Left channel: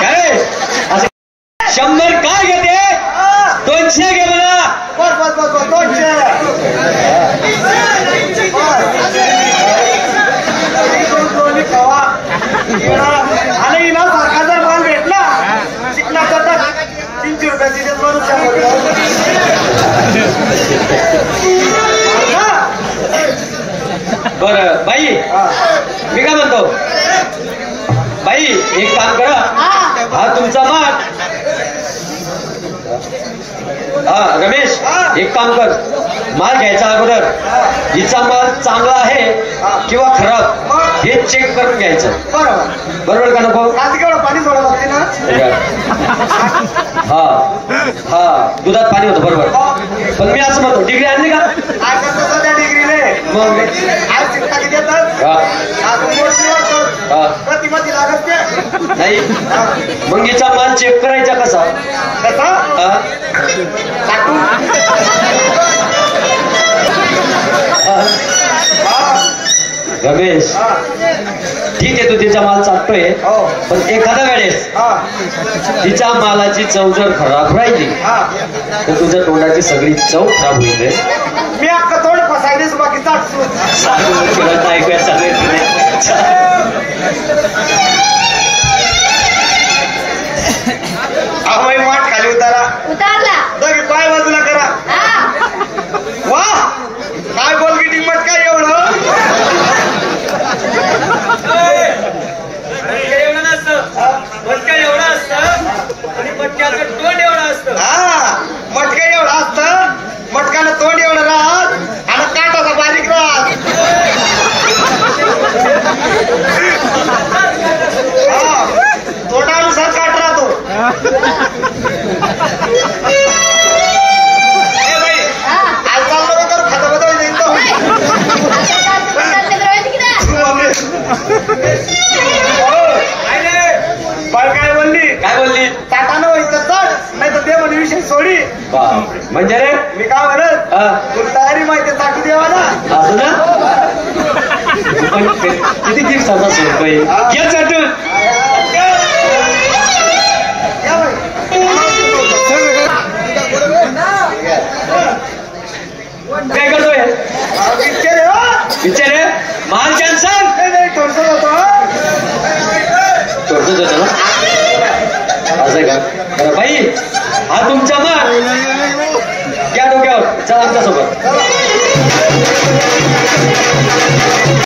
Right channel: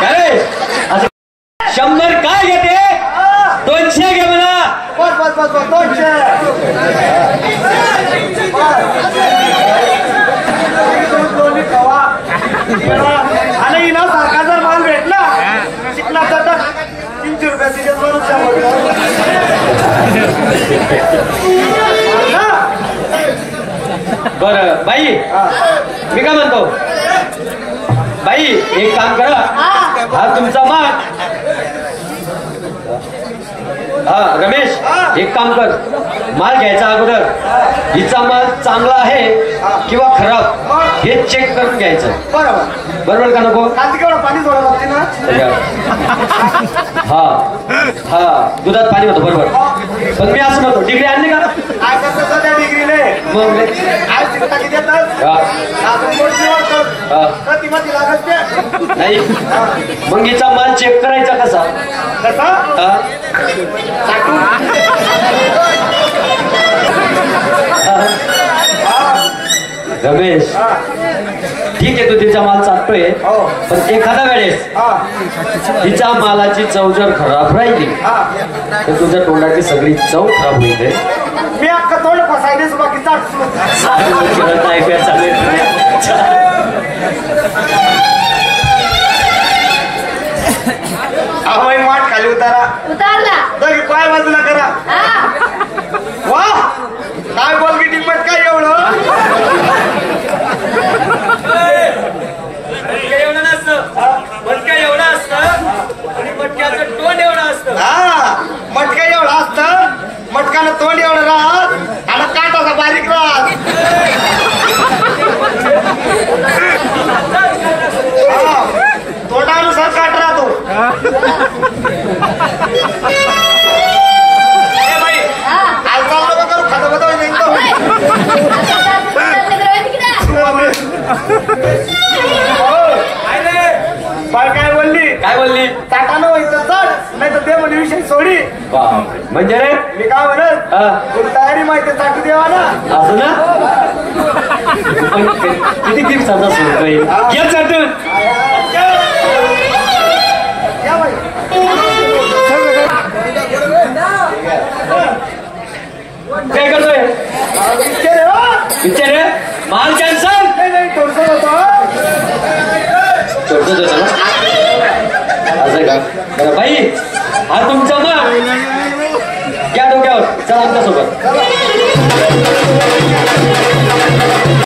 काय असं 100 काय घेते 200 घे मला. बस 200. आणि ना सरकारचा माल भेटला शिकला तर 300 रुपये बरं बाई मी काय म्हणतो बाई एक काम करा हा तुमचा माग हा रमेश एक काम कर माल घ्यायचा अगोदर हिचा माल चांगला आहे किंवा खराब हे चेक करून घ्यायचं. बरोबर का नको. पाणी सोडावं लागते ना. हा हा दुधात पाणी होतं बरोबर. पण मी असं म्हणतो डिग्री आणली का डिग्रीले मग नाही मग हिचा माल चेक करायचा कसा रमेश ठीक आहे तू तिचा माल चाटतोय पण एखाद्या वेळेस तिच्या मालाची चव जर खराब राहिली तर तुझ्या तोंडाची सगळी चव खराब होईल. मी अख्खा तोंड फसायला सुद्धा की चाटतो. वाट खाली उतारला पाय बाजूला करा. वा काय बोल की टिंबट काय एवढं एवढं नसतं मटका एवढा असतं आणि मटक्याचं तोंड एवढं असतं. हा मटका एवढं असतं मटकानं तोंड एवढं राहत आणि काटाचा बारीक राहत. तोंडानुसार काट राहतो. काय बोलली ताटानं व्हायचं चढ नाही तर ते म्हणजे विषय सोडी. म्हणजे रे मी काय म्हणत तुला तयारी माहिती ताटू देवा ना असं ना. किती दिवसाचा सोड काही घे चाटून काय करतोय विचार माल कॅन्सर थोडस होतो थोडस होतं ना असं का. बरं बाई हा तुमचा माल घ्या डोक्यावर चला आमच्यासोबत.